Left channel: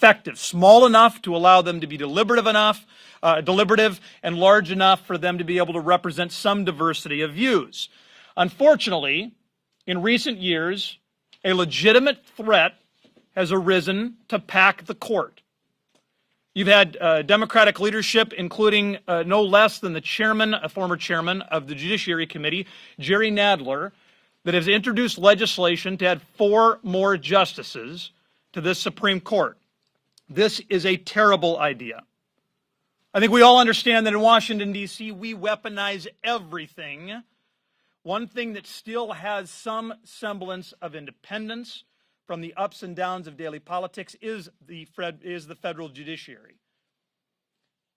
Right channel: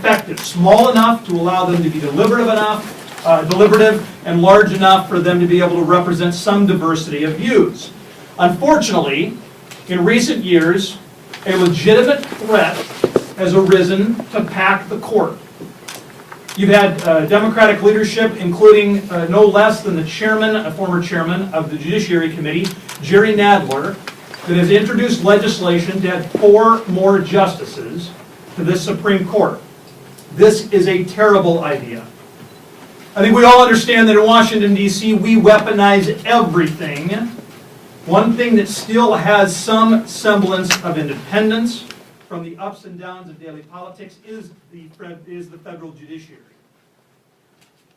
effective, small enough to allow them to be deliberative, and large enough for them to be able to represent some diversity of views. Unfortunately, in recent years, a legitimate threat has arisen to pack the court. You've had Democratic leadership, including no less than the chairman, a former chairman of the Judiciary Committee, Jerry Nadler, that has introduced legislation to add 4 more justices to this Supreme Court. This is a terrible idea. I think we all understand that in Washington, D.C., we weaponize everything. One thing that still has some semblance of independence from the ups and downs of daily politics is the federal judiciary.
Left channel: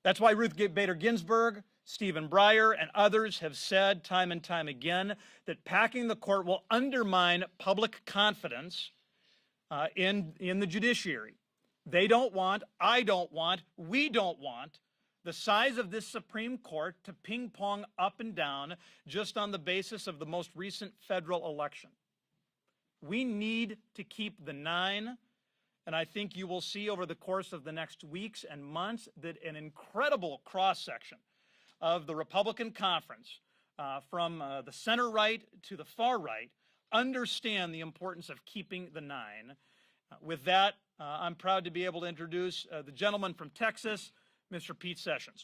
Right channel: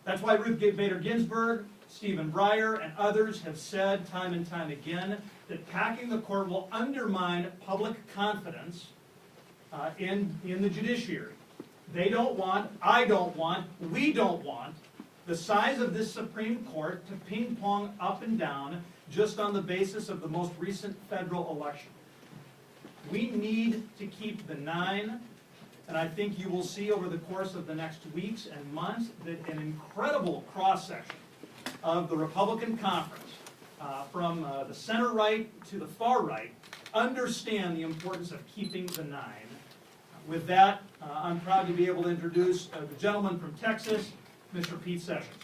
That's why Ruth Bader Ginsburg, Stephen Breyer, and others have said time and time again that packing the court will undermine public confidence in the judiciary. They don't want, I don't want, we don't want the size of this Supreme Court to ping-pong up and down just on the basis of the most recent federal election. We need to keep the 9, and I think you will see over the course of the next weeks and months that an incredible cross-section of the Republican conference, from the center right to the far right, understand the importance of keeping the 9. With that, I'm proud to be able to introduce the gentleman from Texas, Mr. Pete Sessions.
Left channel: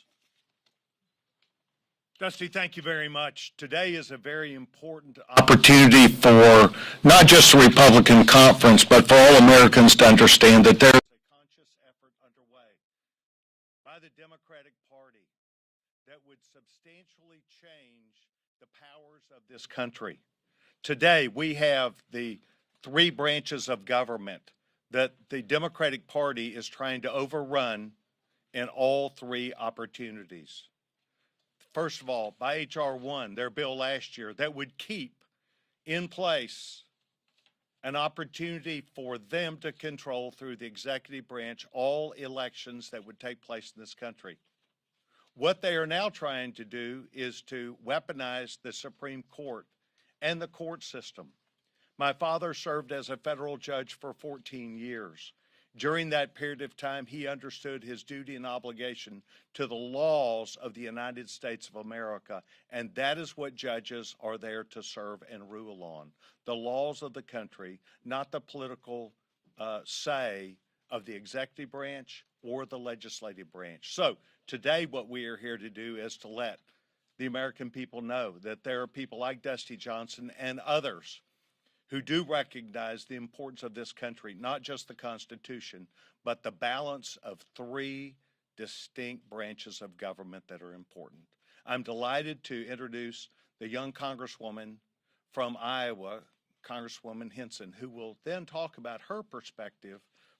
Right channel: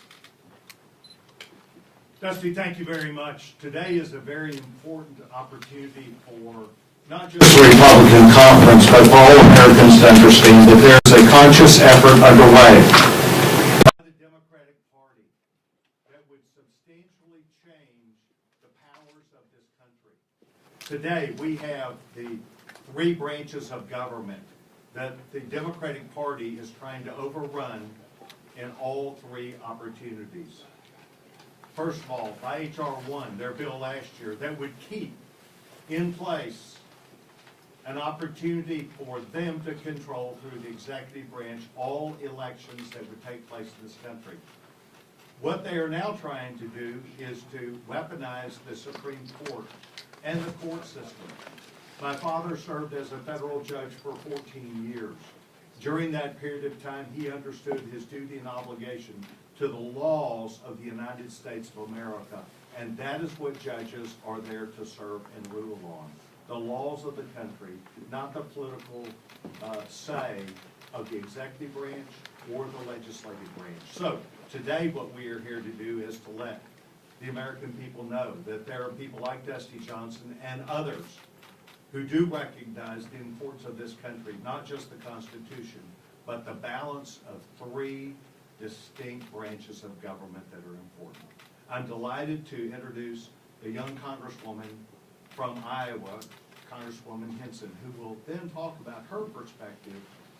Dusty, thank you very much. Today is a very important opportunity for not just the Republican conference, but for all Americans to understand that there is a conscious effort underway by the Democratic Party that would substantially change the powers of this country. Today, we have the 3 branches of government that the Democratic Party is trying to overrun in all 3 opportunities. First of all, by H.R. 1, their bill last year, that would keep in place an opportunity for them to control through the executive branch all elections that would take place in this country. What they are now trying to do is to weaponize the Supreme Court and the court system. My father served as a federal judge for 14 years. During that period of time, he understood his duty and obligation to the laws of the United States of America, and that is what judges are there to serve and rule on. The laws of the country, not the political say of the executive branch or the legislative branch. So today what we are here to do is to let the American people know that there are people like Dusty Johnson and others who do recognize the importance of this country, not just the Constitution, but the balance of 3 distinct branches of government that are important. I'm delighted to introduce the young Congresswoman from Iowa, Congresswoman Hinson, who will then talk about her perspective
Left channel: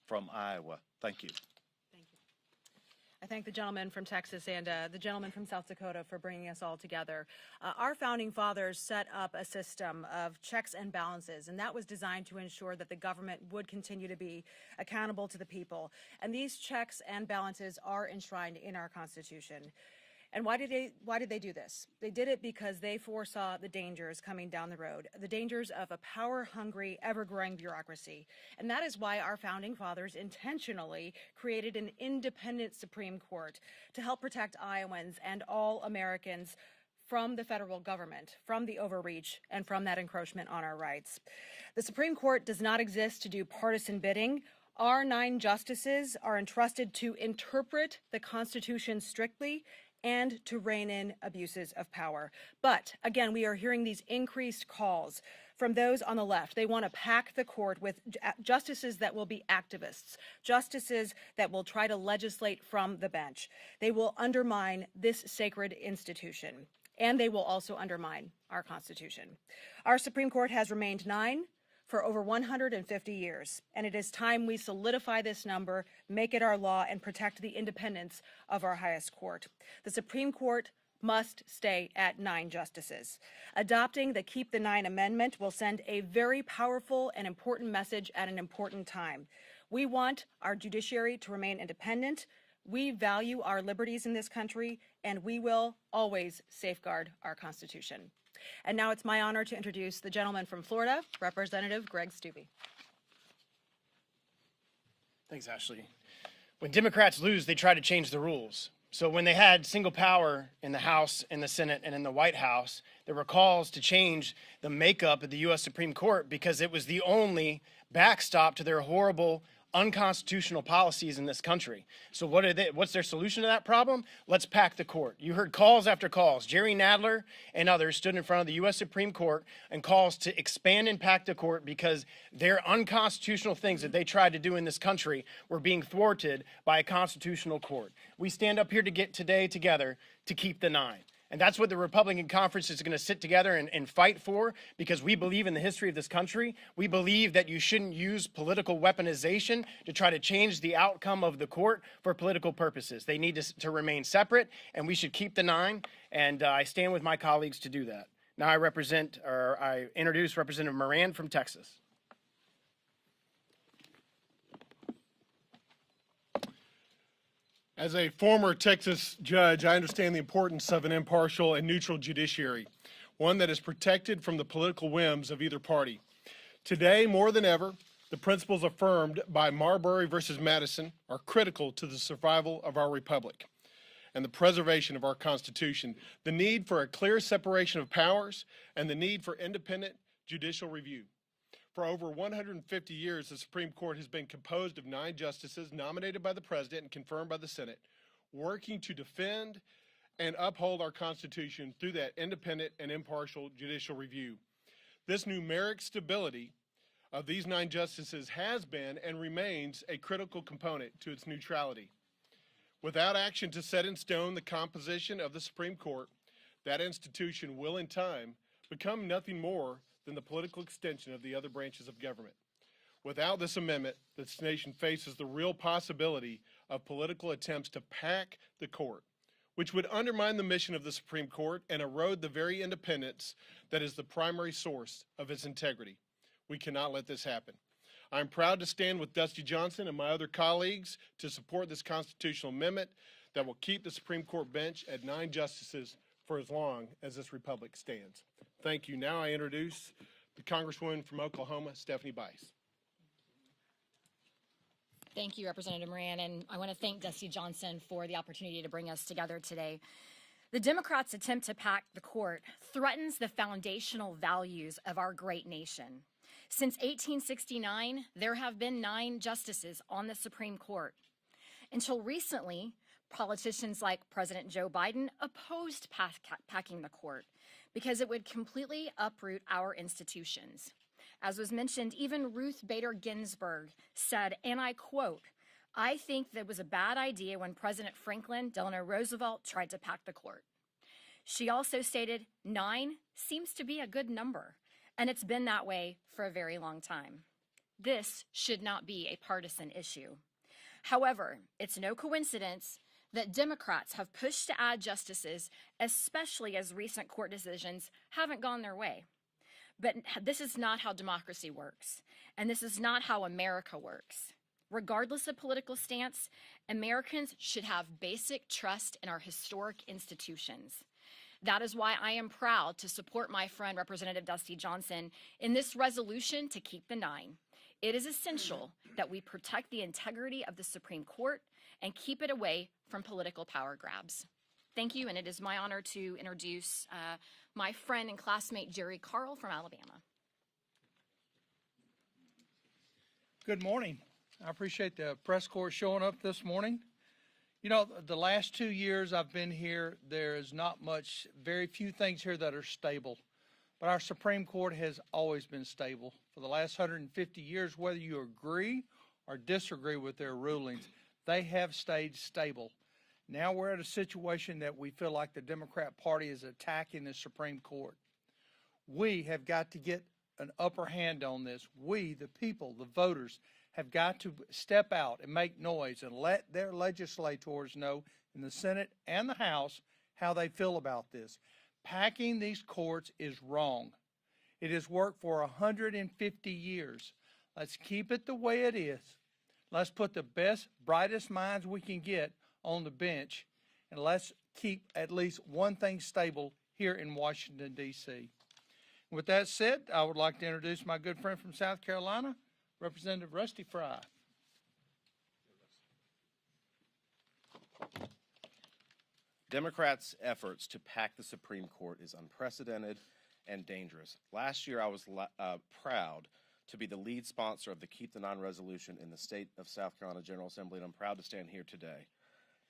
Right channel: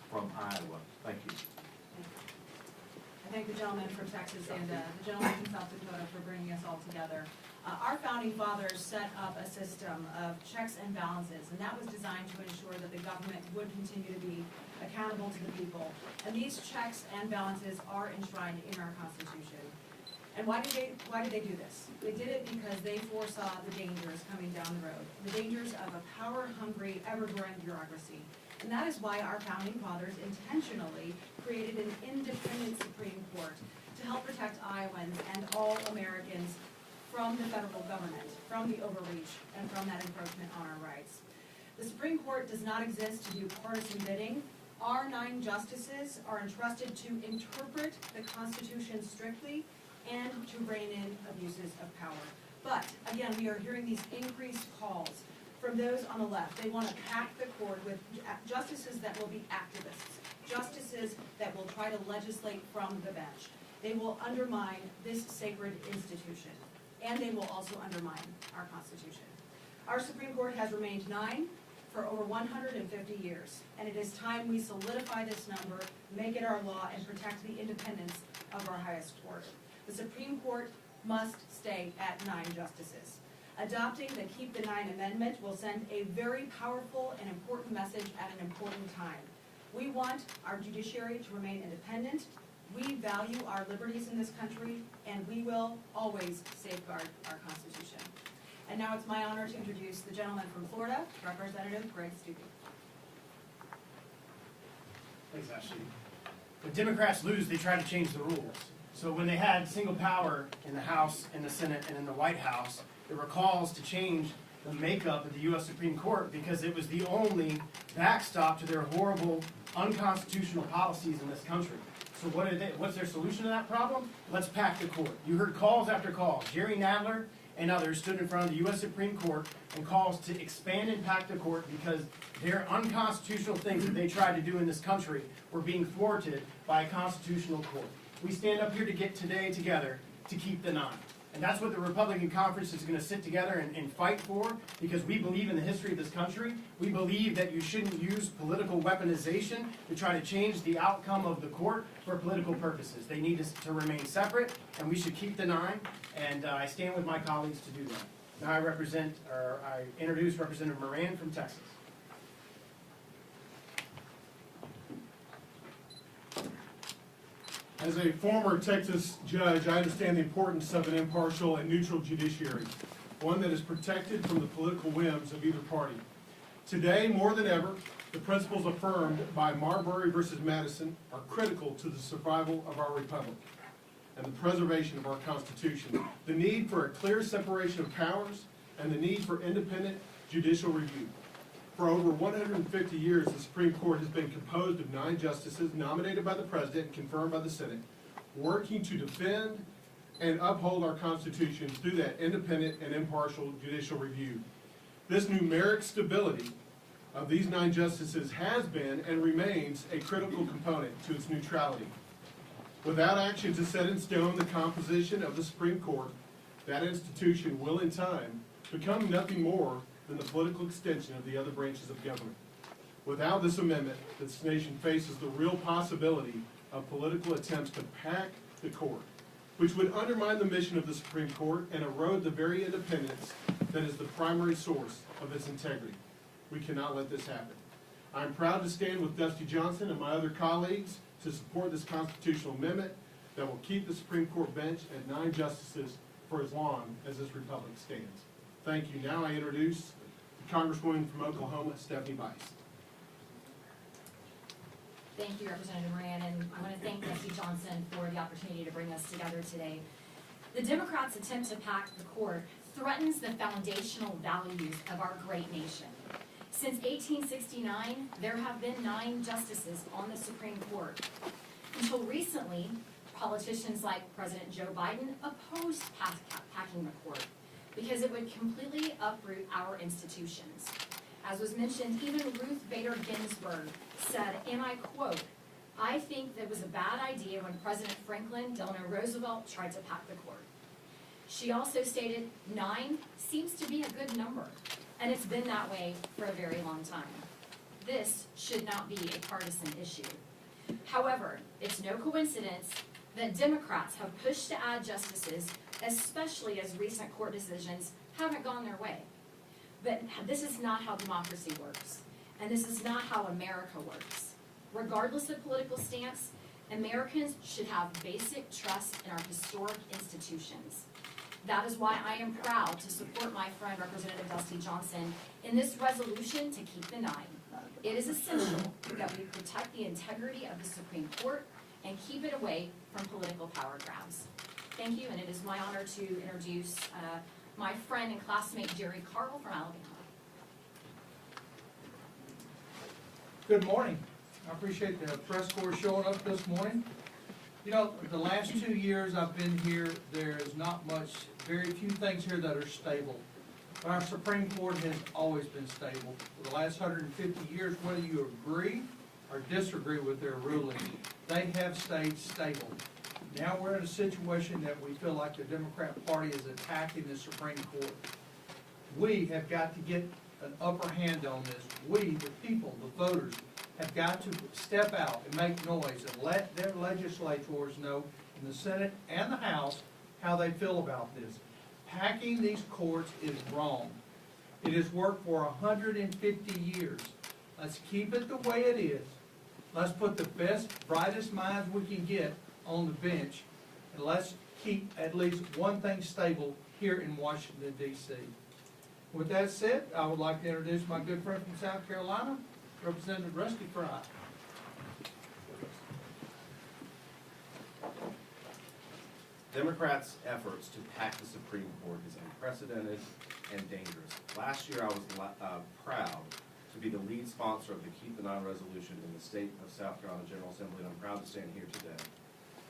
from Iowa. Thank you. I thank the gentleman from Texas and the gentleman from South Dakota for bringing us all together. Our founding fathers set up a system of checks and balances, and that was designed to ensure that the government would continue to be accountable to the people. And these checks and balances are enshrined in our Constitution. And why did they do this? They did it because they foresaw the dangers coming down the road, the dangers of a power-hungry, ever-growing bureaucracy. And that is why our founding fathers intentionally created an independent Supreme Court to help protect Iowans and all Americans from the federal government, from the overreach, and from that encroachment on our rights. The Supreme Court does not exist to do partisan bidding. Our 9 justices are entrusted to interpret the Constitution strictly and to rein in abuses of power. But, again, we are hearing these increased calls from those on the left. They want to pack the court with justices that will be activists, justices that will try to legislate from the bench. They will undermine this sacred institution, and they will also undermine our Constitution. Our Supreme Court has remained 9 for over 150 years, and it is time we solidify this number, make it our law, and protect the independence of our highest court. The Supreme Court must stay at 9 justices. Adopting the Keep the 9 amendment will send a very powerful and important message at an important time. We want our judiciary to remain independent. We value our liberties in this country, and we will always safeguard our Constitution. And now it's my honor to introduce the gentleman from Florida, Representative Greg Steube. Thanks, Ashley. When Democrats lose, they try to change the rules. So when they had single power in the House, in the Senate, and in the White House, there were calls to change the makeup of the U.S. Supreme Court because it was the only backstop to their horrible, unconstitutional policies in this country. So what's their solution to that problem? Let's pack the court. You heard calls after calls. Jerry Nadler and others stood in front of the U.S. Supreme Court and calls to expand and pack the court because their unconstitutional things that they tried to do in this country were being thwarted by a constitutional court. We stand up here today together to keep the 9. And that's what the Republican conference is going to sit together and fight for, because we believe in the history of this country. We believe that you shouldn't use political weaponization to try to change the outcome of the court for political purposes. They need to remain separate, and we should keep the 9, and I stand with my colleagues to do that. Now I introduce Representative Moran from Texas. As a former Texas judge, I understand the importance of an impartial and neutral judiciary, one that is protected from the political whims of either party. Today, more than ever, the principles affirmed by Marbury versus Madison are critical to the survival of our republic and the preservation of our Constitution. The need for a clear separation of powers and the need for independent judicial review. For over 150 years, the Supreme Court has been composed of 9 justices nominated by the President and confirmed by the Senate, working to defend and uphold our Constitution through that independent and impartial judicial review. This numeric stability of these 9 justices has been and remains a critical component to its neutrality. Without action to set in stone the composition of the Supreme Court, that institution will in time become nothing more than the political extension of the other branches of government. Without this amendment, this nation faces the real possibility of political attempts to pack the court, which would undermine the mission of the Supreme Court and erode the very independence that is the primary source of its integrity. We cannot let this happen. I am proud to stand with Dusty Johnson and my other colleagues to support this constitutional amendment that will keep the Supreme Court bench at 9 justices for as long as this republic stands. Thank you. Now I introduce the Congresswoman from Oklahoma, Stephanie Bice. Thank you, Representative Moran, and I want to thank Dusty Johnson for the opportunity to bring us together today. The Democrats' attempt to pack the court threatens the foundational values of our great nation. Since 1869, there have been 9 justices on the Supreme Court. Until recently, politicians like President Joe Biden opposed packing the court because it would completely uproot our institutions. As was mentioned, even Ruth Bader Ginsburg said, and I quote, "I think that was a bad idea when President Franklin Delano Roosevelt tried to pack the court." She also stated, 9 seems to be a good number, and it's been that way for a very long time. This should not be a partisan issue. However, it's no coincidence that Democrats have pushed to add justices, especially as recent court decisions haven't gone their way. But this is not how democracy works, and this is not how America works. Regardless of political stance, Americans should have basic trust in our historic institutions. That is why I am proud to support my friend Representative Dusty Johnson in this resolution to keep the 9. It is essential that we protect the integrity of the Supreme Court and keep it away from political power grabs. Thank you, and it is my honor to introduce my friend and classmate Jerry Carl from Alabama. Good morning. I appreciate the press corps showing up this morning. You know, the last 2 years I've been here, there's not much, very few things here that are stable. But our Supreme Court has always been stable. For the last 150 years, whether you agree or disagree with their ruling, they have stayed stable. Now we're in a situation that we feel like the Democrat Party is attacking the Supreme Court. We have got to get an upper hand on this. We, the people, the voters, have got to step out and make noise and let their legislators know in the Senate and the House how they feel about this. Packing these courts is wrong. It has worked for 150 years. Let's keep it the way it is. Let's put the best, brightest minds we can get on the bench, and let's keep at least one thing stable here in Washington, D.C. With that said, I would like to introduce my good friend from South Carolina, Representative Rusty Fry. Democrats' efforts to pack the Supreme Court is unprecedented and dangerous. Last year, I was proud to be the lead sponsor of the Keep the Nine resolution in the state of South Carolina General Assembly, and I'm proud to stand here today.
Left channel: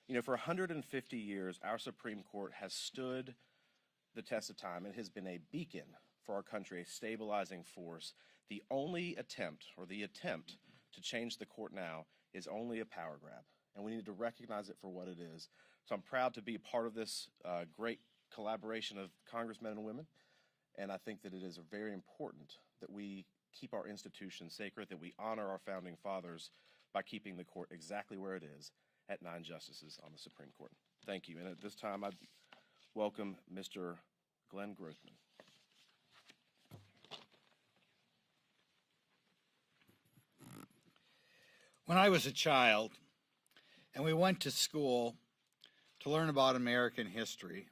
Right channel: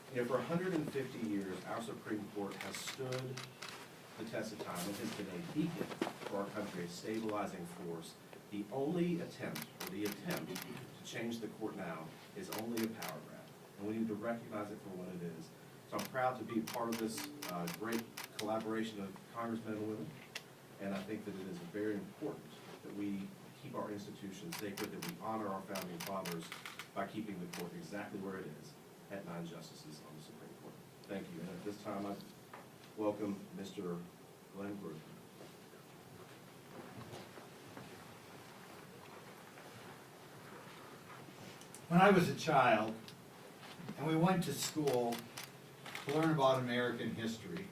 You know, for 150 years, our Supreme Court has stood the test of time. It has been a beacon for our country, a stabilizing force. The only attempt to change the court now is only a power grab, and we need to recognize it for what it is. So I'm proud to be part of this great collaboration of congressmen and women, and I think that it is very important that we keep our institutions sacred, that we honor our founding fathers by keeping the court exactly where it is, at 9 justices on the Supreme Court. Thank you, and at this time, I welcome Mr. Glenn Groove. When I was a child, and we went to school to learn about American history,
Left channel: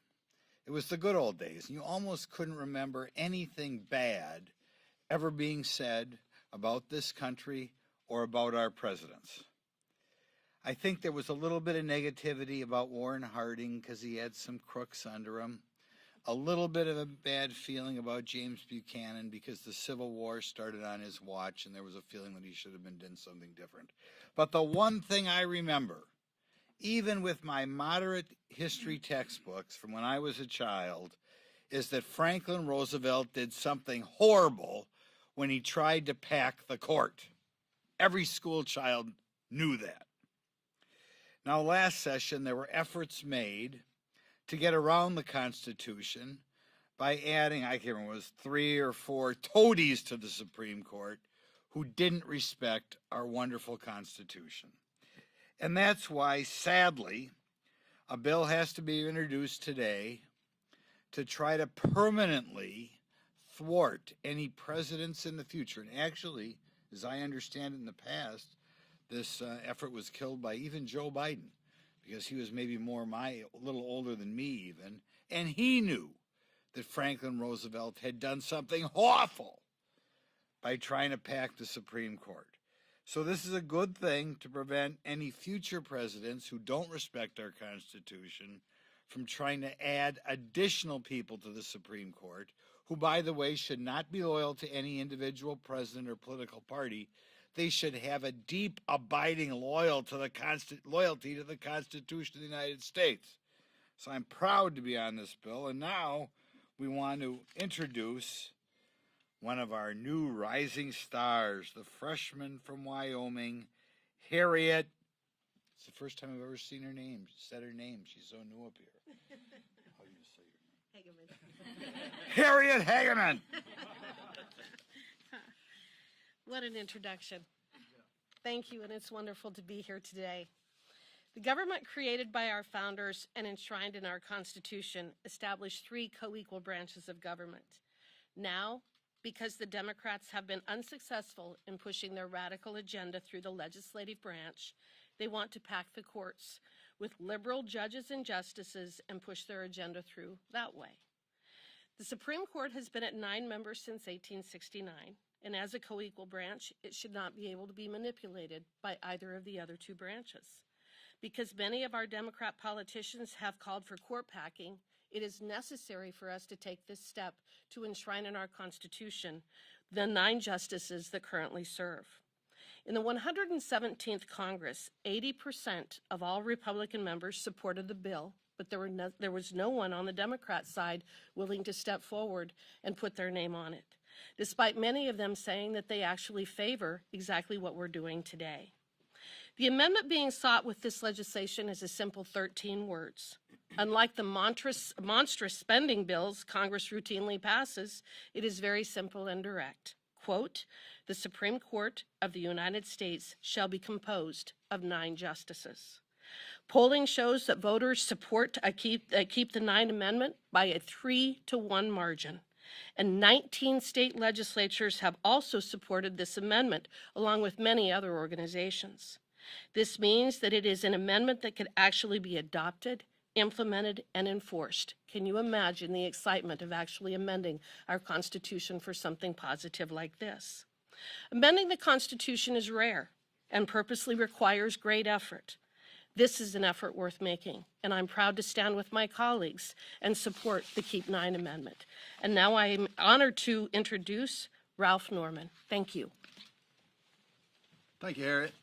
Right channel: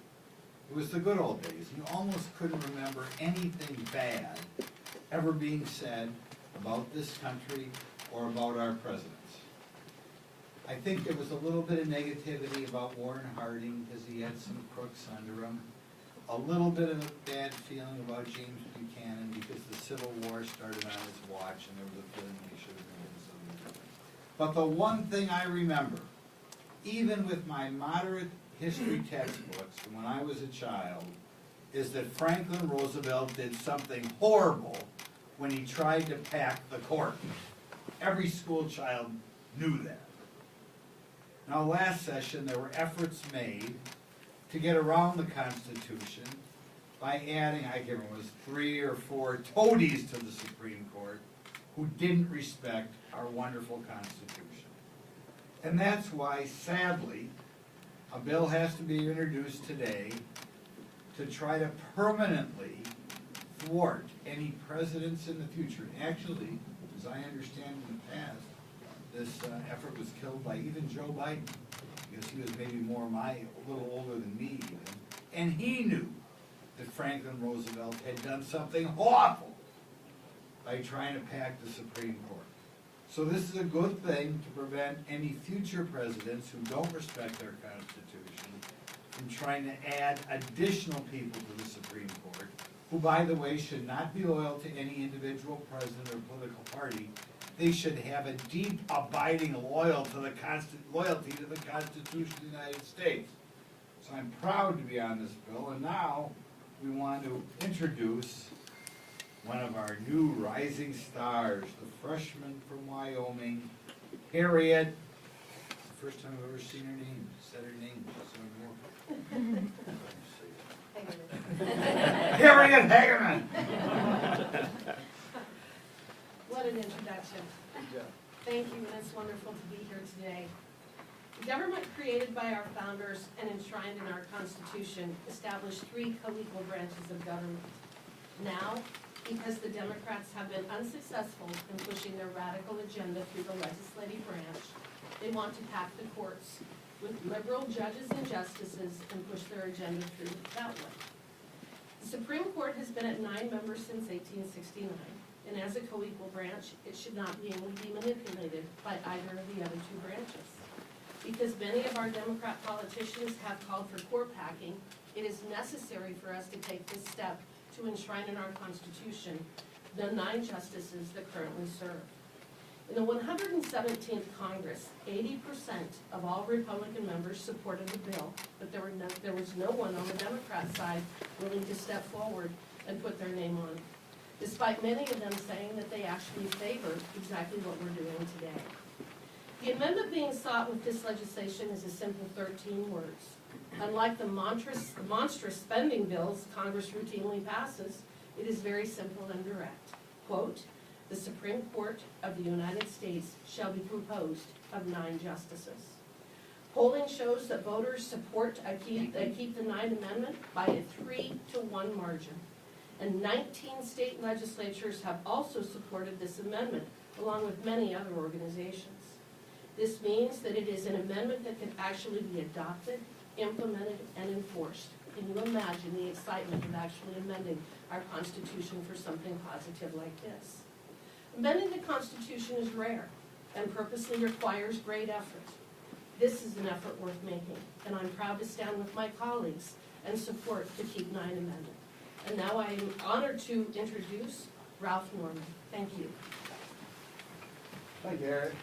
it was the good old days, and you almost couldn't remember anything bad ever being said about this country or about our presidents. I think there was a little bit of negativity about Warren Harding because he had some crooks under him. A little bit of a bad feeling about James Buchanan because the Civil War started on his watch and there was a feeling he should have been doing something different. But the one thing I remember, even with my moderate history textbooks from when I was a child, is that Franklin Roosevelt did something horrible when he tried to pack the court. Every school child knew that. Now, last session, there were efforts made to get around the Constitution by adding, I can't remember, it was 3 or 4 toadies to the Supreme Court who didn't respect our wonderful Constitution. And that's why, sadly, a bill has to be introduced today to try to permanently thwart any presidents in the future. And actually, as I understand in the past, this effort was killed by even Joe Biden, because he was maybe a little older than me even, and he knew that Franklin Roosevelt had done something awful by trying to pack the Supreme Court. So this is a good thing to prevent any future presidents who don't respect our Constitution from trying to add additional people to the Supreme Court, who, by the way, should not be loyal to any individual president or political party. They should have a deep, abiding loyalty to the Constitution of the United States. So I'm proud to be on this bill, and now we want to introduce one of our new rising stars, the freshman from Wyoming, Harriet. It's the first time I've ever seen her name, said her name, she's so important. Harriet Hageman! What an introduction. Thank you, and it's wonderful to be here today. The government created by our founders and enshrined in our Constitution established 3 co-equal branches of government. Now, because the Democrats have been unsuccessful in pushing their radical agenda through the legislative branch, they want to pack the courts with liberal judges and justices and push their agenda through that way. The Supreme Court has been at 9 members since 1869. And as a co-equal branch, it should not be able to be manipulated by either of the other 2 branches. Because many of our Democrat politicians have called for court packing, it is necessary for us to take this step to enshrine in our Constitution the 9 justices that currently serve. In the 117th Congress, 80% of all Republican members supported the bill, but there was no one on the Democrat side willing to step forward and put their name on it, despite many of them saying that they actually favor exactly what we're doing today. The amendment being sought with this legislation is a simple 13 words. Unlike the monstrous spending bills Congress routinely passes, it is very simple and direct. Quote, "The Supreme Court of the United States shall be composed of 9 justices." Polling shows that voters support keep the 9th Amendment by a 3-to-1 margin. And 19 state legislatures have also supported this amendment, along with many other organizations. This means that it is an amendment that can actually be adopted, implemented, and enforced. Can you imagine the excitement of actually amending our Constitution for something positive like this? Amending the Constitution is rare and purposely requires great effort. This is an effort worth making, and I'm proud to stand with my colleagues and support the Keep 9 Amendment. And now I am honored to introduce Ralph Norman. Thank you. Thank you, Harriet.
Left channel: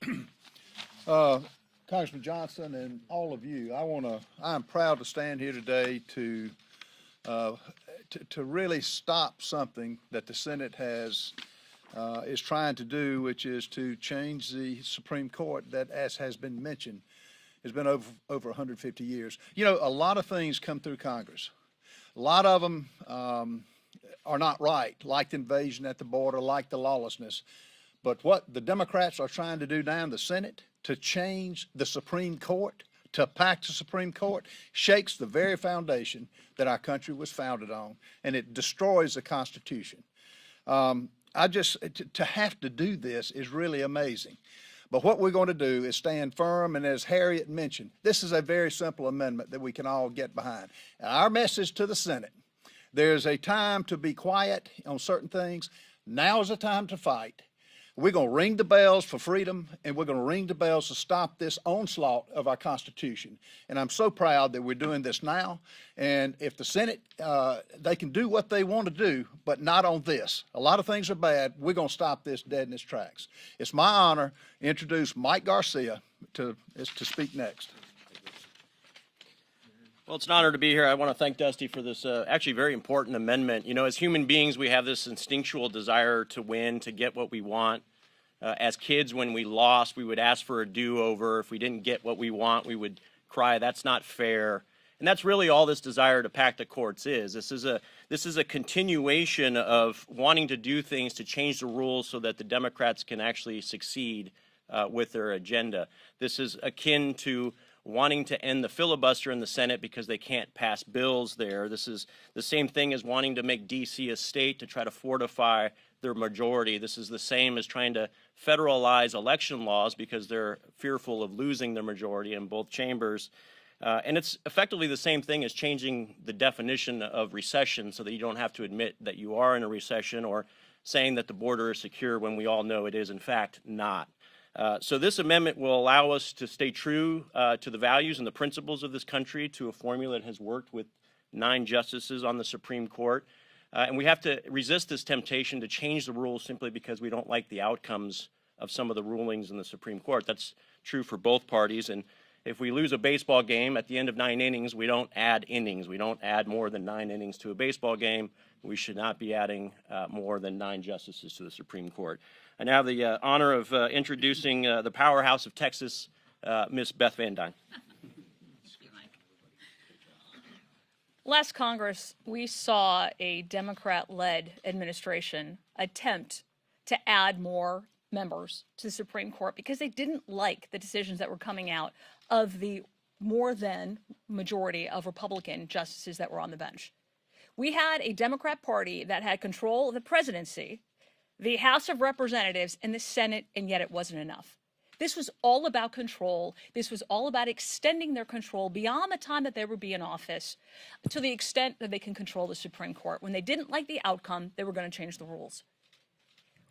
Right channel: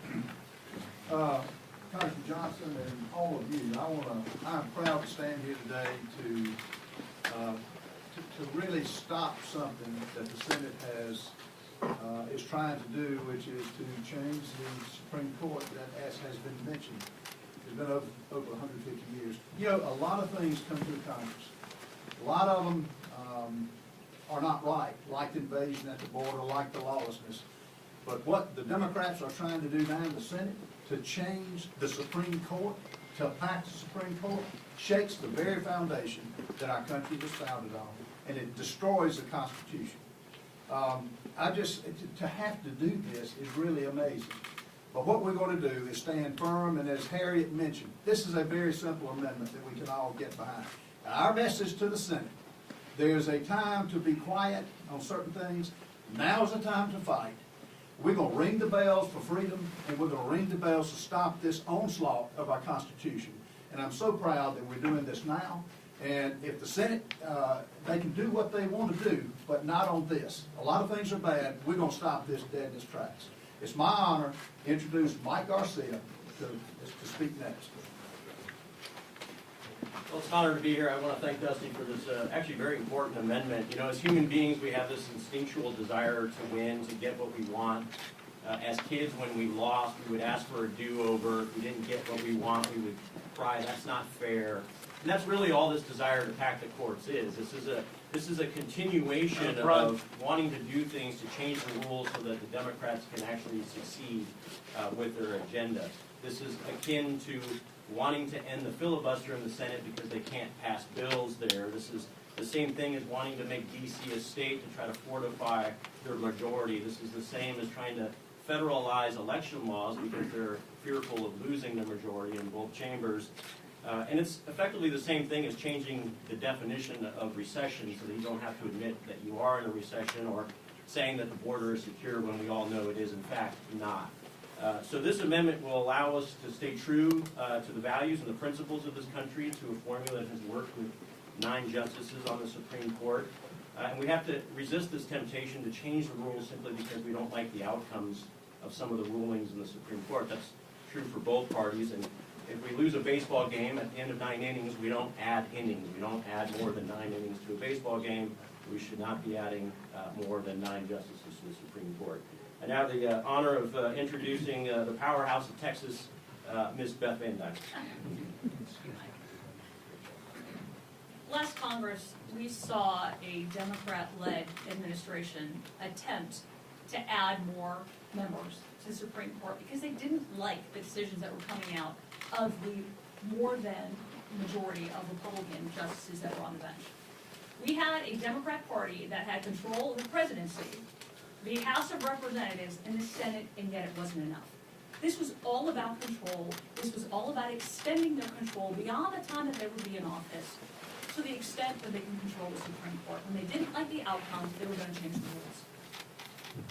Congressman Johnson and all of you, I'm proud to stand here today to really stop something that the Senate is trying to do, which is to change the Supreme Court that, as has been mentioned, has been over 150 years. You know, a lot of things come through Congress. A lot of them are not right, like the invasion at the border, like the lawlessness. But what the Democrats are trying to do now in the Senate, to change the Supreme Court, to pack the Supreme Court, shakes the very foundation that our country was founded on, and it destroys the Constitution. To have to do this is really amazing. But what we're going to do is stand firm, and as Harriet mentioned, this is a very simple amendment that we can all get behind. And our message to the Senate, there's a time to be quiet on certain things. Now is the time to fight. We're going to ring the bells for freedom, and we're going to ring the bells to stop this onslaught of our Constitution. And I'm so proud that we're doing this now. And if the Senate, they can do what they want to do, but not on this. A lot of things are bad. We're going to stop this dead in its tracks. It's my honor to introduce Mike Garcia to speak next. Well, it's an honor to be here. I want to thank Dusty for this actually very important amendment. You know, as human beings, we have this instinctual desire to win, to get what we want. As kids, when we lost, we would ask for a do-over. If we didn't get what we want, we would cry, that's not fair. And that's really all this desire to pack the courts is. This is a continuation of wanting to do things to change the rules so that the Democrats can actually succeed with their agenda. This is akin to wanting to end the filibuster in the Senate because they can't pass bills there. This is the same thing as wanting to make D.C. a state to try to fortify their majority. This is the same as trying to federalize election laws because they're fearful of losing their majority in both chambers. And it's effectively the same thing as changing the definition of recession so that you don't have to admit that you are in a recession, or saying that the border is secure when we all know it is in fact not. So this amendment will allow us to stay true to the values and the principles of this country, to a formula that has worked with 9 justices on the Supreme Court. And we have to resist this temptation to change the rules simply because we don't like the outcomes of some of the rulings in the Supreme Court. That's true for both parties. And if we lose a baseball game at the end of 9 innings, we don't add innings. We don't add more than 9 innings to a baseball game. We should not be adding more than 9 justices to the Supreme Court. I now have the honor of introducing the powerhouse of Texas, Ms. Beth Van Dyne. Last Congress, we saw a Democrat-led administration attempt to add more members to the Supreme Court because they didn't like the decisions that were coming out of the more than majority of Republican justices that were on the bench. We had a Democrat Party that had control of the presidency, the House of Representatives, and the Senate, and yet it wasn't enough. This was all about control. This was all about extending their control beyond the time that they would be in office to the extent that they can control the Supreme Court. When they didn't like the outcome, they were going to change the rules.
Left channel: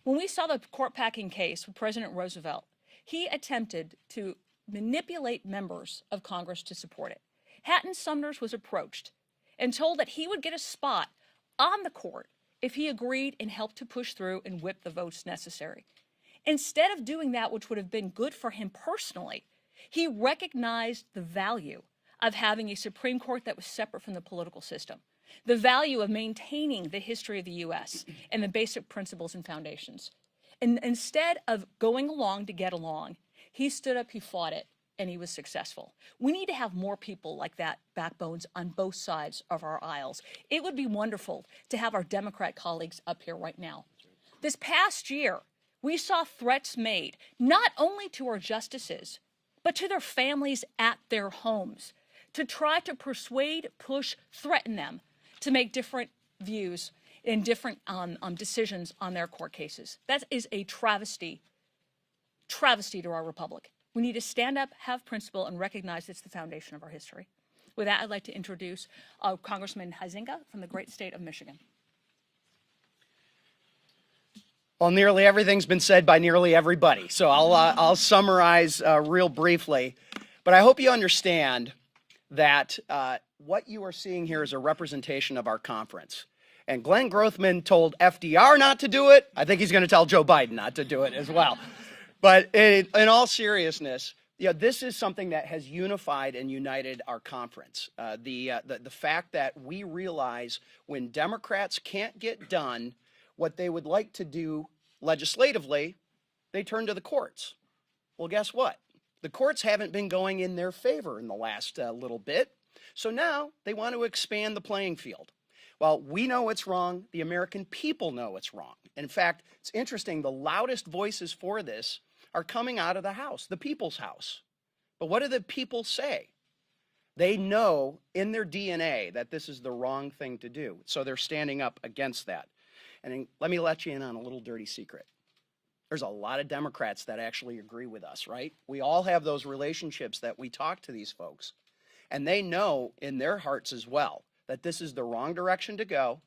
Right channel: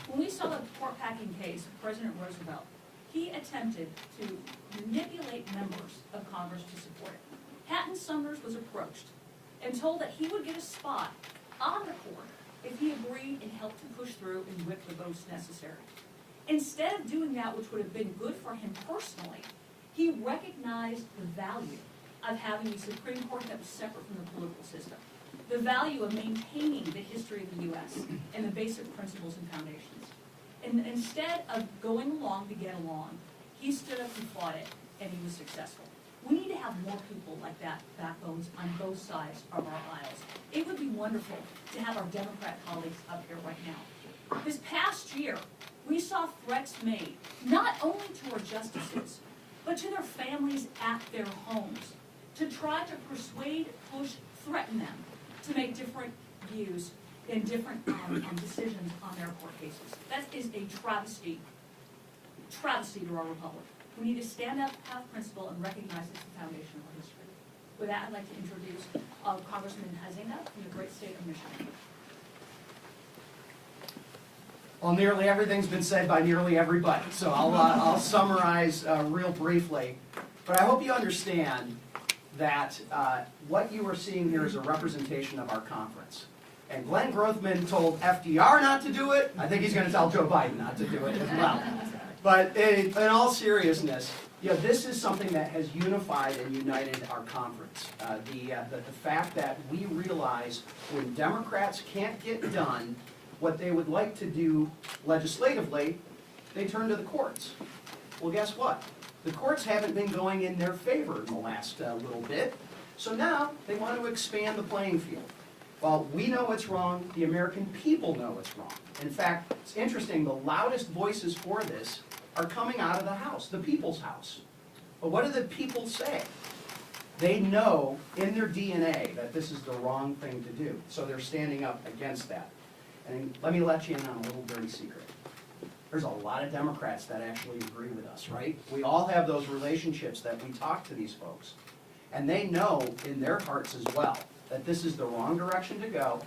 When we saw the court packing case with President Roosevelt, he attempted to manipulate members of Congress to support it. Hatton Sumner was approached and told that he would get a spot on the court if he agreed and helped to push through and whip the votes necessary. Instead of doing that, which would have been good for him personally, he recognized the value of having a Supreme Court that was separate from the political system, the value of maintaining the history of the U.S. and the basic principles and foundations. And instead of going along to get along, he stood up and fought it, and he was successful. We need to have more people like that, backbones on both sides of our aisles. It would be wonderful to have our Democrat colleagues up here right now. This past year, we saw threats made, not only to our justices, but to their families at their homes, to try to persuade, push, threaten them to make different views and different decisions on their court cases. That is a travesty to our republic. We need to stand up, have principle, and recognize it's the foundation of our history. With that, I'd like to introduce Congressman Huizenga from the great state of Michigan. Well, nearly everything's been said by nearly everybody, so I'll summarize real briefly. But I hope you understand that what you are seeing here is a representation of our conference. And Glenn Grothman told FDR not to do it. I think he's going to tell Joe Biden not to do it as well. But in all seriousness, this is something that has unified and united our conference. The fact that we realize when Democrats can't get done what they would like to do legislatively, they turn to the courts. Well, guess what? The courts haven't been going in their favor in the last little bit. So now they want to expand the playing field. Well, we know it's wrong. The American people know it's wrong. In fact, it's interesting, the loudest voices for this are coming out of the House, the people's house. But what do the people say? They know in their DNA that this is the wrong thing to do. So they're standing up against that. And let me let you in on a little dirty secret. There's a lot of Democrats that actually agree with us, right? We all have those relationships that we talk to these folks. And they know in their hearts as well that this is the wrong direction to go,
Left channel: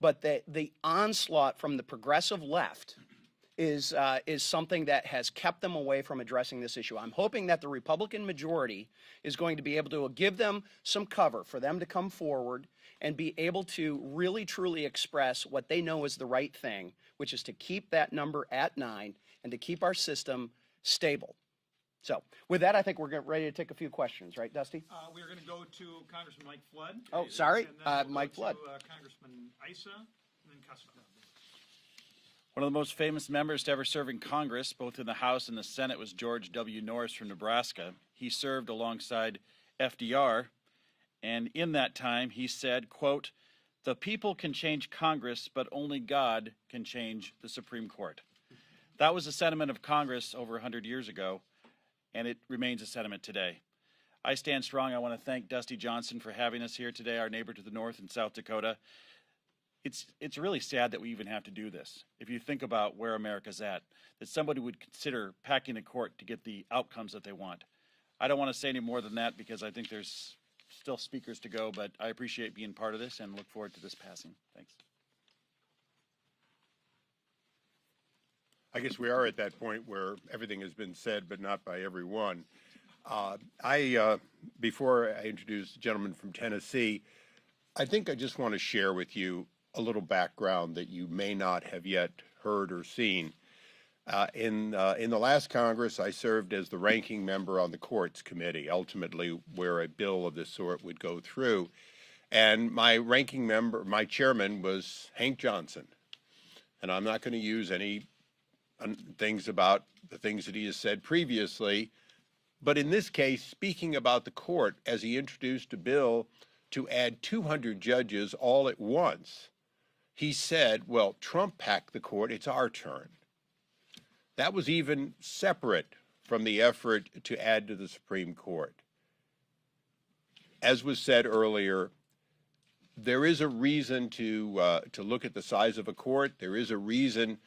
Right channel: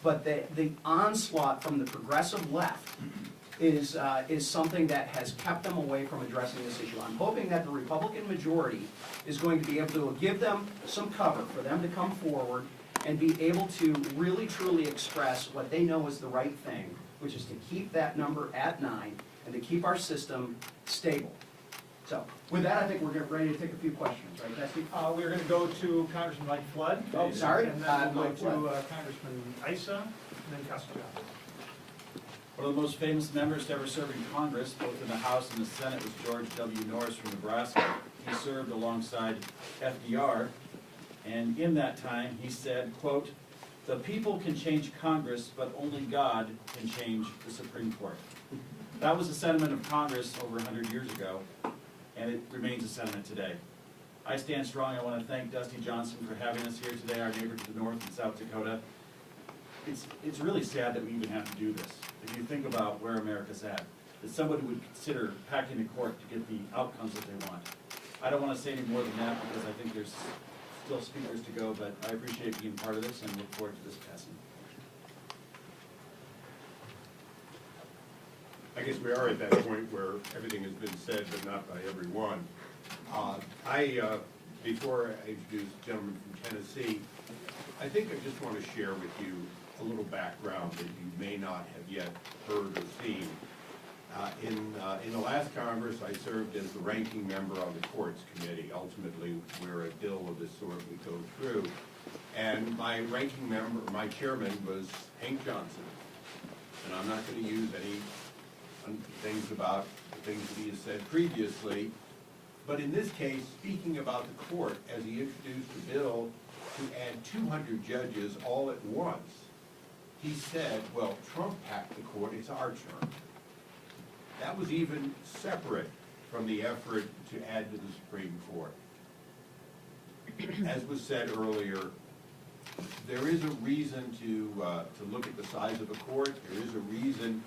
but the onslaught from the progressive left is something that has kept them away from addressing this issue. I'm hoping that the Republican majority is going to be able to give them some cover for them to come forward and be able to really truly express what they know is the right thing, which is to keep that number at 9 and to keep our system stable. So with that, I think we're ready to take a few questions, right, Dusty? We're going to go to Congressman Mike Flood. Oh, sorry, And then we'll Mike go Flood. to Congressman Issa, and then Costello. One of the most famous members to ever serve in Congress, both in the House and the Senate, was George W. Norris from Nebraska. He served alongside FDR, and in that time he said, quote, "The people can change Congress, but only God can change the Supreme Court." That was the sentiment of Congress over 100 years ago, and it remains a sentiment today. I stand strong. I want to thank Dusty Johnson for having us here today, our neighbor to the north in South Dakota. It's really sad that we even have to do this. If you think about where America's at, that somebody would consider packing the court to get the outcomes that they want. I don't want to say any more than that because I think there's still speakers to go, but I appreciate being part of this and look forward to this passing. I guess we are at that point where everything has been said, but not by everyone. Before I introduce the gentleman from Tennessee, I think I just want to share with you a little background that you may not have yet heard or seen. In the last Congress, I served as the ranking member on the Courts Committee, ultimately where a bill of this sort would go through. And my ranking member, my chairman, was Hank Johnson. And I'm not going to use any things about the things that he has said previously, but in this case, speaking about the court as he introduced a bill to add 200 judges all at once, he said, well, Trump packed the court, it's our turn. That was even separate from the effort to add to the Supreme Court. As was said earlier, there is a reason to look at the size of a court. There is a reason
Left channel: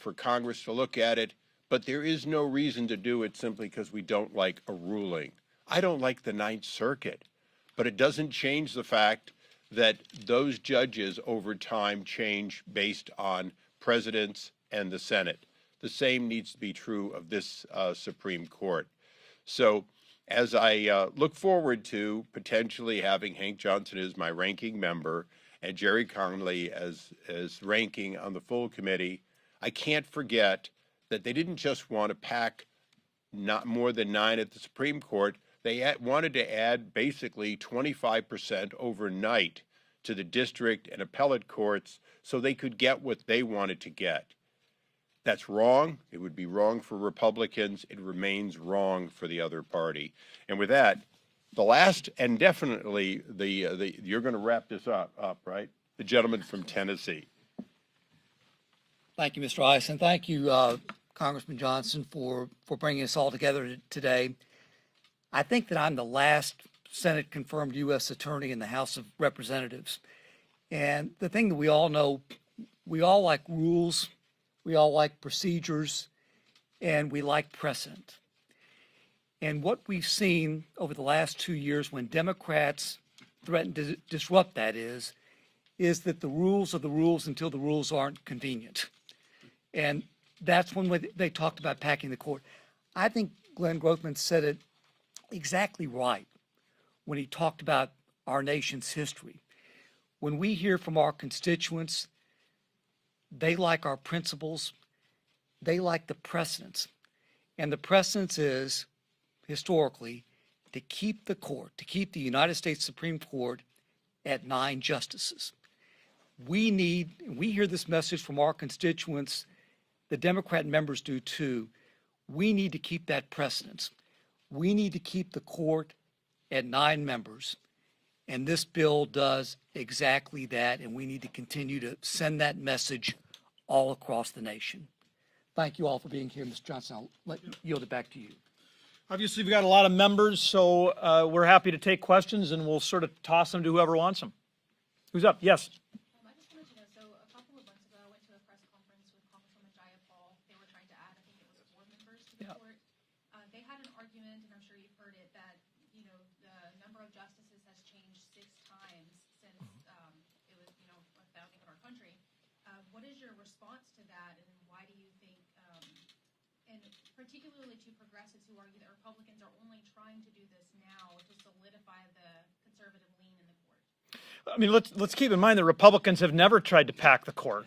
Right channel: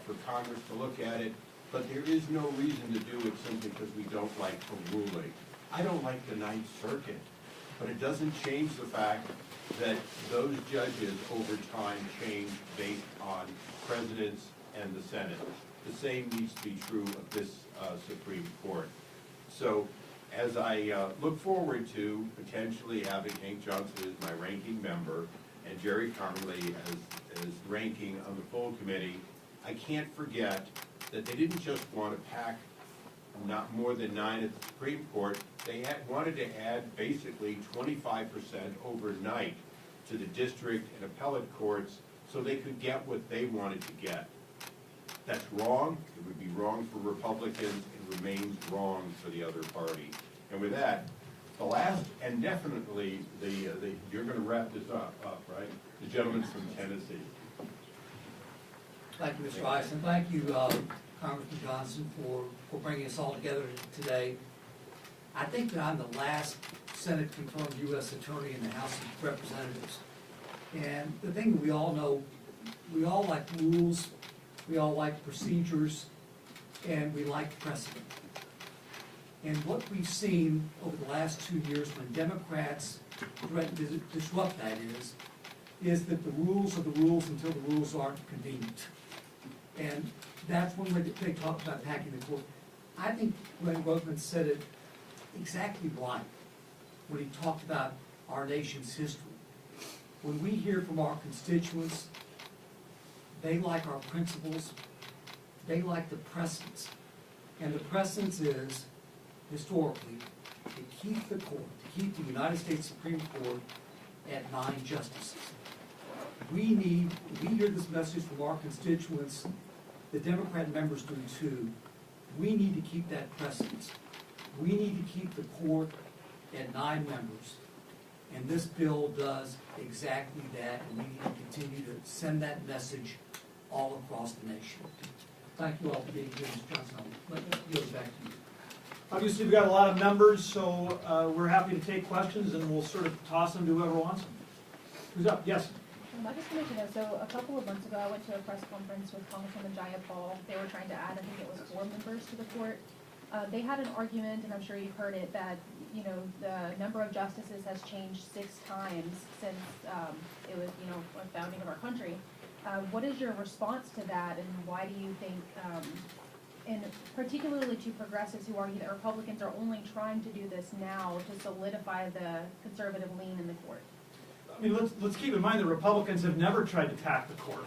for Congress to look at it, but there is no reason to do it simply because we don't like a ruling. I don't like the Ninth Circuit, but it doesn't change the fact that those judges over time change based on presidents and the Senate. The same needs to be true of this Supreme Court. So as I look forward to potentially having Hank Johnson as my ranking member and Jerry Conley as ranking on the full committee, I can't forget that they didn't just want to pack not more than 9 at the Supreme Court. They wanted to add basically 25% overnight to the district and appellate courts so they could get what they wanted to get. That's wrong. It would be wrong for Republicans. It remains wrong for the other party. And with that, the last and definitely you're going to wrap this up, right? The gentleman from Tennessee. Thank you, Mr. Ice, and thank you, Congressman Johnson, for bringing us all together today. I think that I'm the last Senate-confirmed U.S. attorney in the House of Representatives. And the thing that we all know, we all like rules, we all like procedures, and we like precedent. And what we've seen over the last 2 years when Democrats threaten to disrupt that is that the rules are the rules until the rules aren't convenient. And that's when they talked about packing the court. I think Glenn Grothman said it exactly right when he talked about our nation's history. When we hear from our constituents, they like our principles, they like the precedents. And the precedence is, historically, to keep the court, to keep the United States Supreme Court at 9 justices. We hear this message from our constituents, the Democrat members do too. We need to keep that precedence. We need to keep the court at 9 members. And this bill does exactly that, and we need to continue to send that message all across the nation. Thank you all for being here, Mr. Johnson. I'll yield it back to you. Obviously, we've got a lot of members, so we're happy to take questions, and we'll sort of toss them to whoever wants them. Who's up? Yes? I just wanted to know, so a couple of months ago, I went to a press conference with Congresswoman Jayapal. They were trying to add, I think it was 4 members to the court. They had an argument, and I'm sure you've heard it, that, you know, the number of justices has changed 6 times since it was, you know, a founding of our country. What is your response to that, and why do you think, and particularly to progressives who argue that Republicans are only trying to do this now to solidify the conservative lean in the court? I mean, let's keep in mind that Republicans have never tried to pack the court.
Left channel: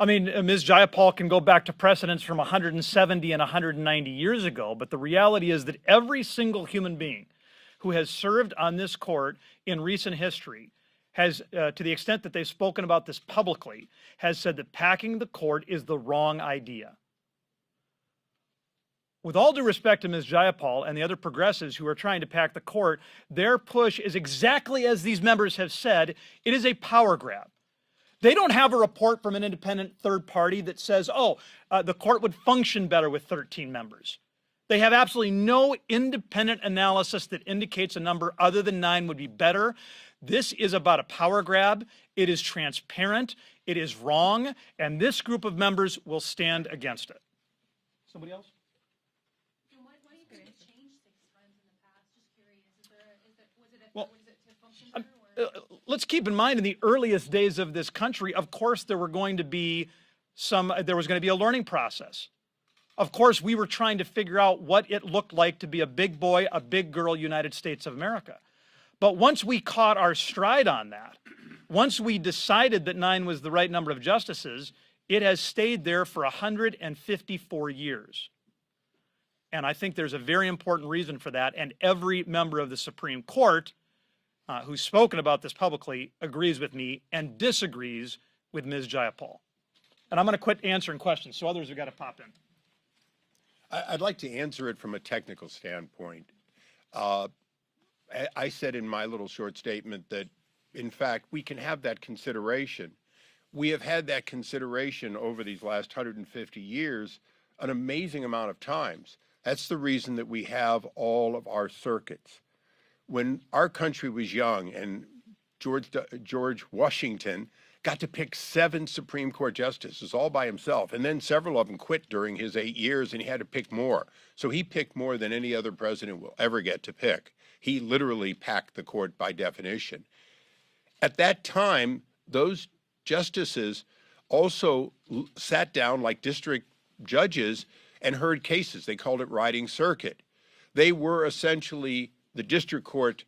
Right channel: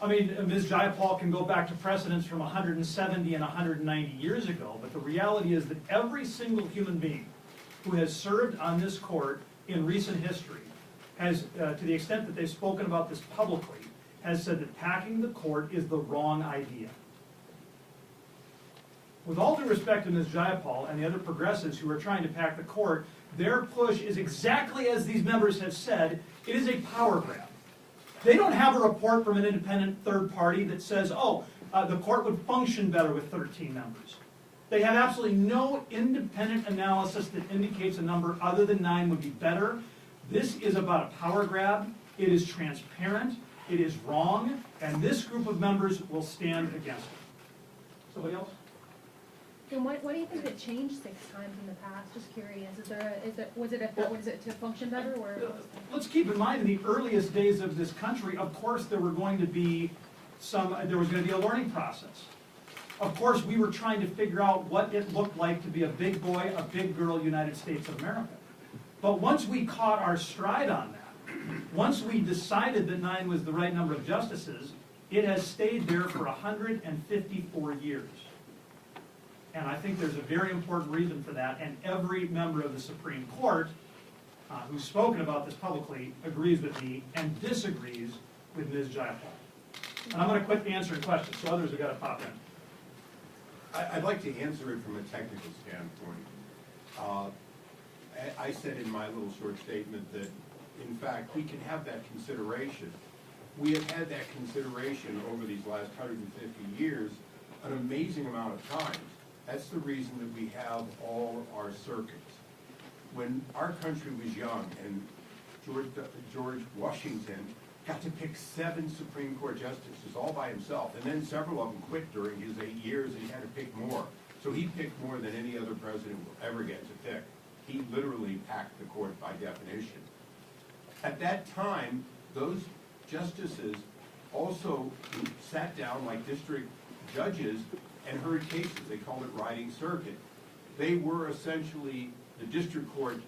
I mean, Ms. Jayapal can go back to precedents from 170 and 190 years ago, but the reality is that every single human being who has served on this court in recent history has, to the extent that they've spoken about this publicly, has said that packing the court is the wrong idea. With all due respect to Ms. Jayapal and the other progressives who are trying to pack the court, their push is exactly as these members have said, it is a power grab. They don't have a report from an independent third party that says, oh, the court would function better with 13 members. They have absolutely no independent analysis that indicates a number other than 9 would be better. This is about a power grab. It is transparent. It is wrong. And this group of members will stand against it. Somebody else? And what do you think it changed 6 times in the past? Just curious. Was it to function better, or? Let's keep in mind, in the earliest days of this country, of course, there was going to be a learning process. Of course, we were trying to figure out what it looked like to be a big boy, a big girl United States of America. But once we caught our stride on that, once we decided that 9 was the right number of justices, it has stayed there for 154 years. And I think there's a very important reason for that, and every member of the Supreme Court who's spoken about this publicly agrees with me and disagrees with Ms. Jayapal. And I'm going to quit answering questions, so others have got to pop in. I'd like to answer it from a technical standpoint. I said in my little short statement that, in fact, we can have that consideration. We have had that consideration over these last 150 years an amazing amount of times. That's the reason that we have all of our circuits. When our country was young and George Washington got to pick 7 Supreme Court justices all by himself, and then several of them quit during his 8 years and he had to pick more. So he picked more than any other president will ever get to pick. He literally packed the court by definition. At that time, those justices also sat down like district judges and heard cases. They called it riding circuit. They were essentially the district court,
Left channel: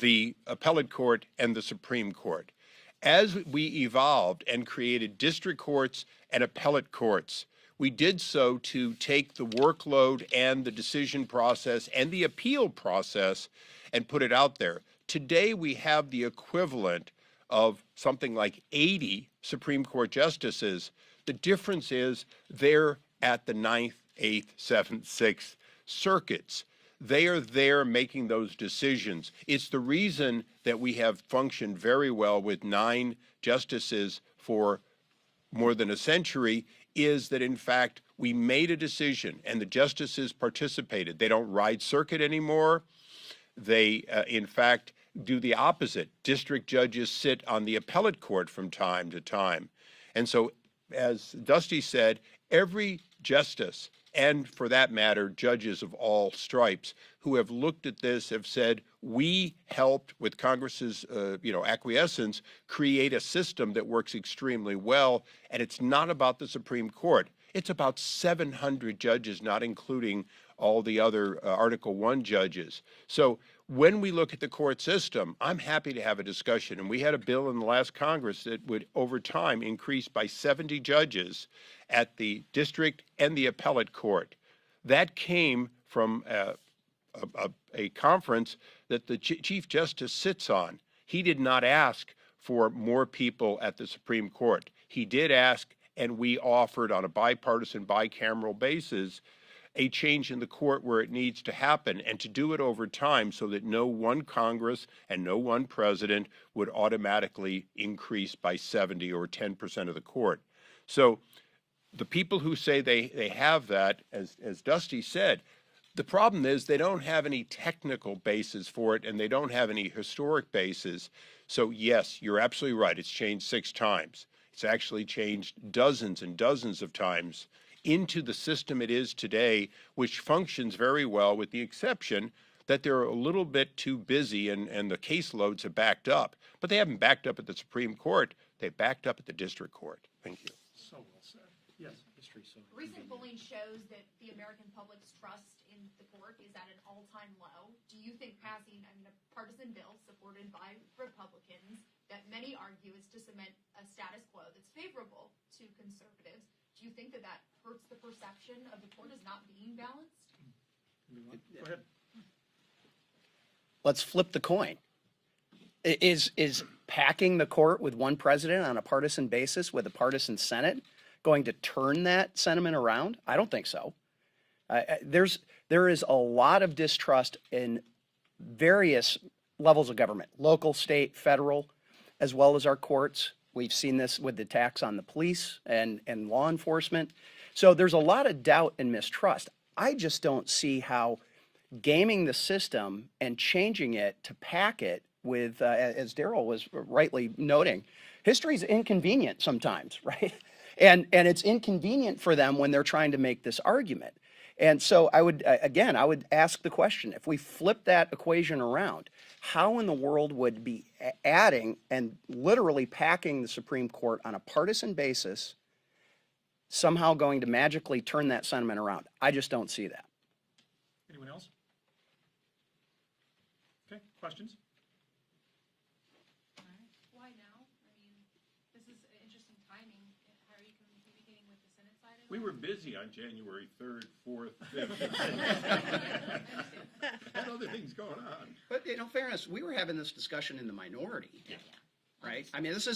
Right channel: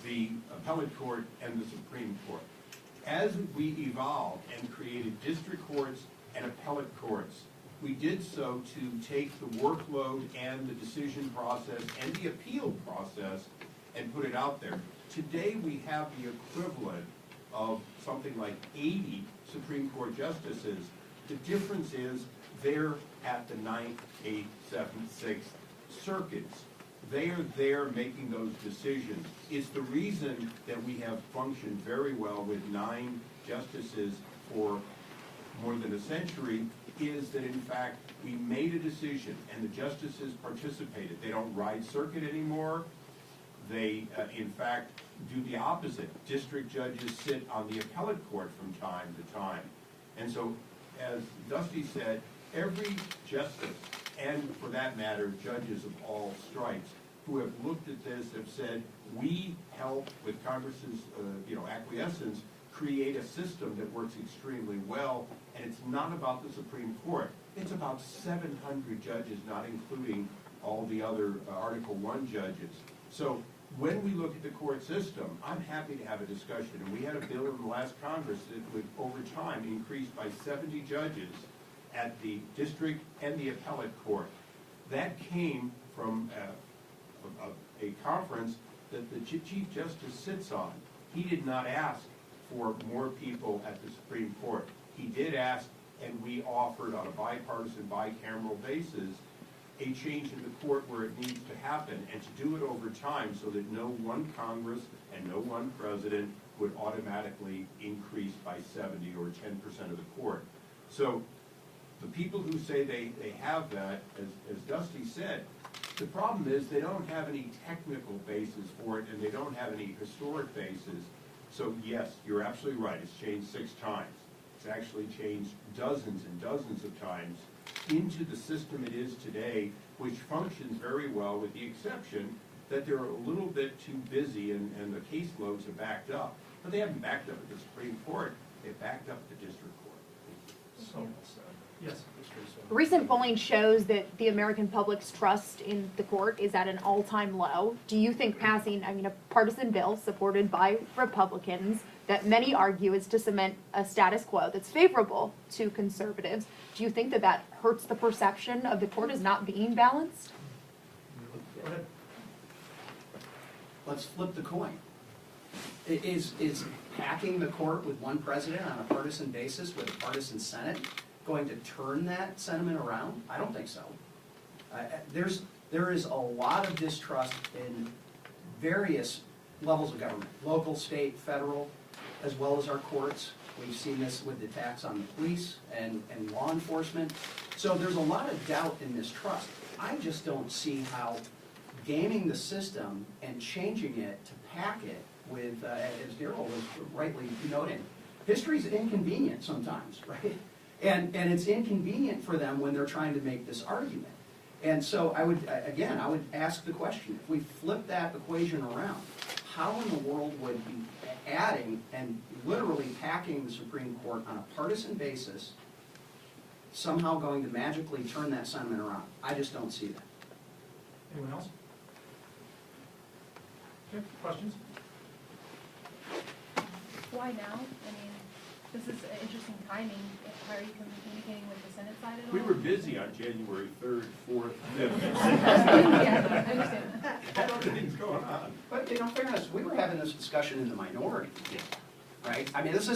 the appellate court, and the Supreme Court. As we evolved and created district courts and appellate courts, we did so to take the workload and the decision process and the appeal process and put it out there. Today we have the equivalent of something like 80 Supreme Court justices. The difference is they're at the 9th, 8th, 7th, 6th circuits. They are there making those decisions. It's the reason that we have functioned very well with 9 justices for more than a century, is that in fact we made a decision and the justices participated. They don't ride circuit anymore. They in fact do the opposite. District judges sit on the appellate court from time to time. And so, as Dusty said, every justice, and for that matter, judges of all stripes, who have looked at this have said, we helped, with Congress's acquiescence, create a system that works extremely well, and it's not about the Supreme Court. It's about 700 judges, not including all the other Article I judges. So when we look at the court system, I'm happy to have a discussion. And we had a bill in the last Congress that would, over time, increase by 70 judges at the district and the appellate court. That came from a conference that the Chief Justice sits on. He did not ask for more people at the Supreme Court. He did ask, and we offered on a bipartisan, bicameral basis, a change in the court where it needs to happen, and to do it over time so that no one Congress and no one president would automatically increase by 70 or 10% of the court. So the people who say they have that, as Dusty said, the problem is they don't have any technical basis for it, and they don't have any historic basis. So yes, you're absolutely right, it's changed 6 times. It's actually changed dozens and dozens of times into the system it is today, which functions very well, with the exception that they're a little bit too busy and the caseloads have backed up. But they haven't backed up at the Supreme Court, they've backed up at the district court. Thank you. Yes. Recent polling shows that the American public's trust in the court is at an all-time low. Do you think passing, a partisan bill supported by Republicans that many argue is to cement a status quo that's favorable to conservatives, do you think that that hurts the perception of the court as not being balanced? Let's flip the coin. Is packing the court with one president on a partisan basis with a partisan Senate going to turn that sentiment around? I don't think so. There is a lot of distrust in various levels of government, local, state, federal, as well as our courts. We've seen this with the attacks on the police and law enforcement. So there's a lot of doubt and mistrust. I just don't see how gaming the system and changing it to pack it with, as Darrell was rightly noting, history's inconvenient sometimes, right? And it's inconvenient for them when they're trying to make this argument. And so I would ask the question, if we flip that equation around, how in the world would be adding and literally packing the Supreme Court on a partisan basis somehow going to magically turn that sentiment around? I just don't see that. Anyone else? Okay, questions? Why now? This is interesting timing. How are you communicating with the Senate side at all? We were busy on January 3rd, 4th, 5th. Yeah, I understand. Had other things going on. But in fairness, we were having this discussion in the minority, right? This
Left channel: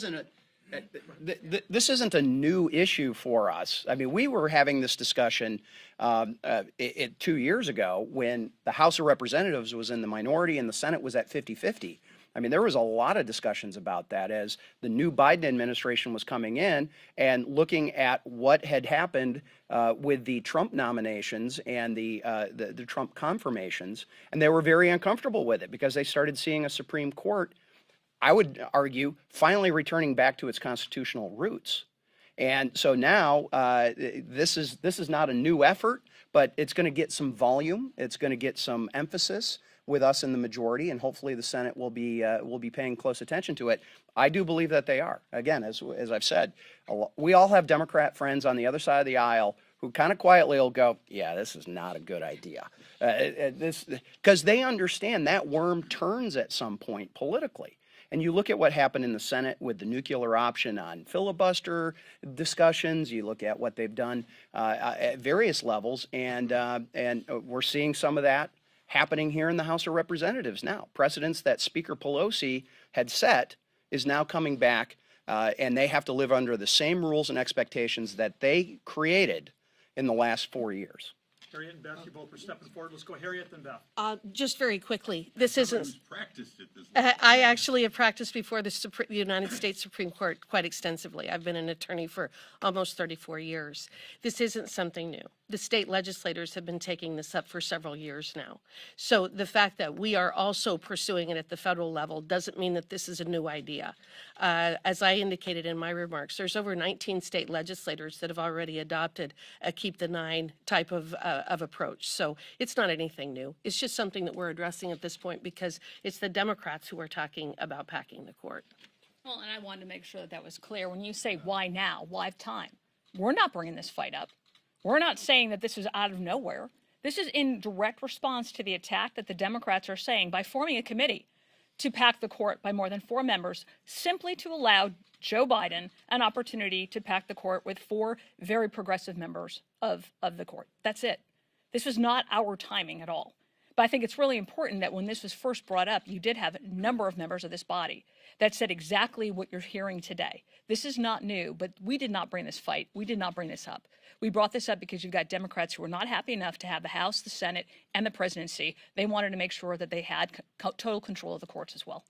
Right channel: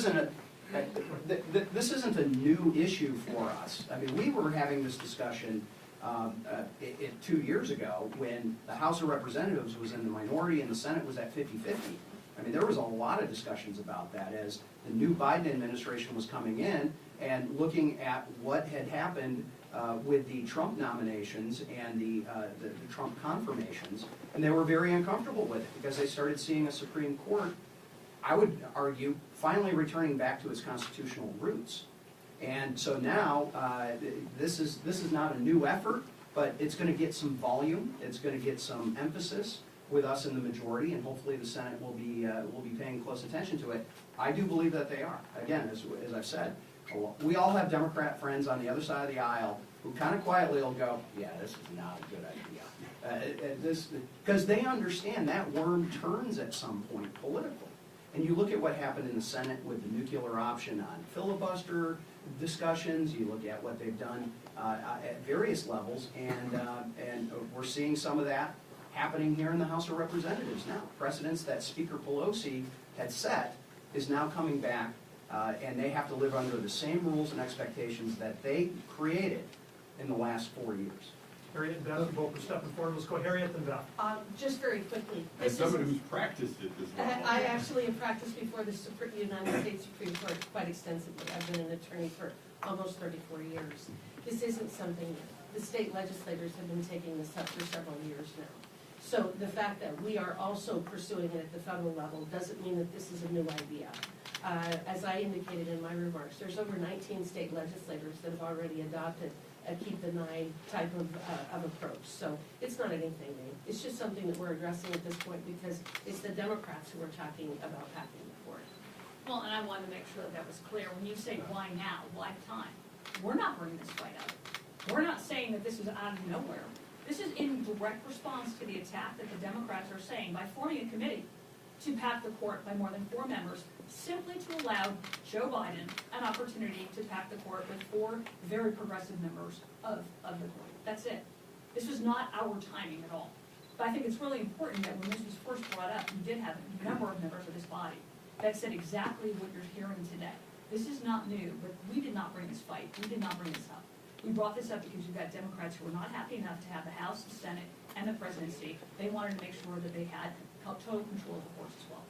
isn't a new issue for us. We were having this discussion 2 years ago when the House of Representatives was in the minority and the Senate was at 50-50. There was a lot of discussions about that as the new Biden administration was coming in and looking at what had happened with the Trump nominations and the Trump confirmations, and they were very uncomfortable with it because they started seeing a Supreme Court, I would argue, finally returning back to its constitutional roots. And so now this is not a new effort, but it's going to get some volume, it's going to get some emphasis with us in the majority, and hopefully the Senate will be paying close attention to it. I do believe that they are. Again, as I've said, we all have Democrat friends on the other side of the aisle who kind of quietly will go, yeah, this is not a good idea. Because they understand that worm turns at some point politically. And you look at what happened in the Senate with the nuclear option on filibuster discussions, you look at what they've done at various levels, and we're seeing some of that happening here in the House of Representatives now. Precedents that Speaker Pelosi had set is now coming back, and they have to live under the same rules and expectations that they created in the last 4 years. Harriet and Beth, both are stepping forward. Let's go Harriet and Beth. Just very quickly, this isn't. Practiced it. I actually have practiced before the United States Supreme Court quite extensively. I've been an attorney for almost 34 years. This isn't something new. The state legislators have been taking this up for several years now. So the fact that we are also pursuing it at the federal level doesn't mean that this is a new idea. As I indicated in my remarks, there's over 19 state legislators that have already adopted a keep the nine type of approach. So it's not anything new. It's just something that we're addressing at this point because it's the Democrats who are talking about packing the court. Well, and I wanted to make sure that was clear. When you say why now, why time? We're not bringing this fight up. We're not saying that this is out of nowhere. This is in direct response to the attack that the Democrats are saying by forming a committee to pack the court by more than 4 members, simply to allow Joe Biden an opportunity to pack the court with 4 very progressive members of the court. That's it. This was not our timing at all. But I think it's really important that when this was first brought up, you did have a number of members of this body that said exactly what you're hearing today. This is not new, but we did not bring this fight. We did not bring this up. We brought this up because you've got Democrats who were not happy enough to have the House, the Senate, and the presidency. They wanted to make sure that they had total control of the courts as well.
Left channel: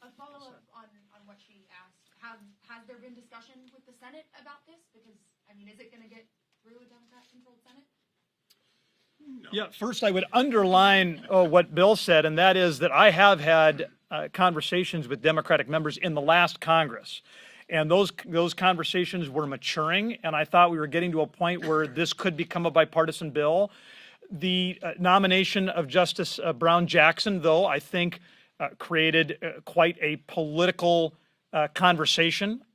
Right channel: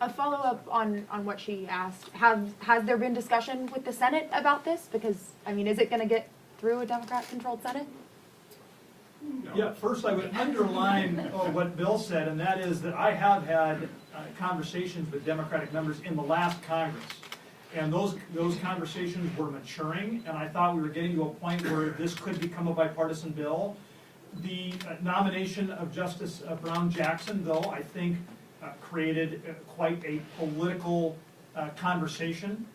A follow-up on what she asked, has there been discussion with the Senate about this? Because, I mean, is it gonna get through a Democrat-controlled Senate? Yeah, first I would underline what Bill said, and that is that I have had conversations with Democratic members in the last Congress. And those conversations were maturing, and I thought we were getting to a point where this could become a bipartisan bill. The nomination of Justice Brown Jackson, though, I think created quite a political conversation.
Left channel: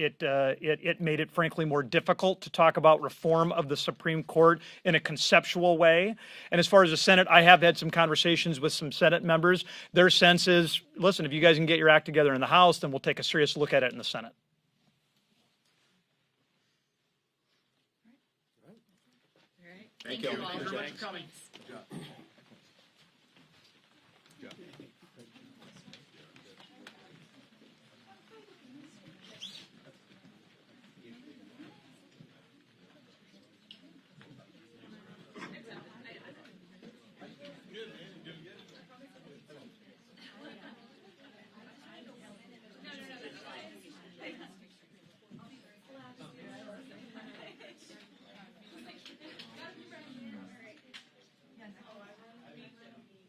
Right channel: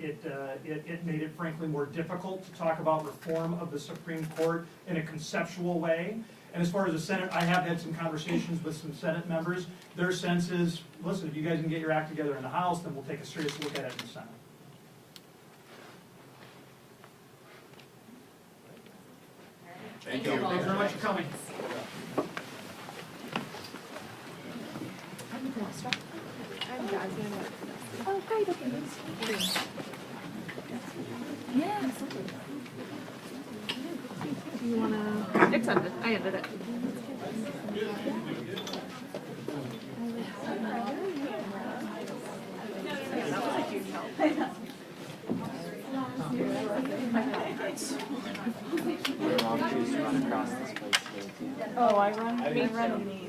It made it frankly more difficult to talk about reform of the Supreme Court in a conceptual way. And as far as the Senate, I have had some conversations with some Senate members. Their sense is, listen, if you guys can get your act together in the House, then we'll take a serious look at it in the Senate. Thank you. Thank you very much for coming. Oh, great, okay. You wanna? It's ended. I ended it. Oh, I run these.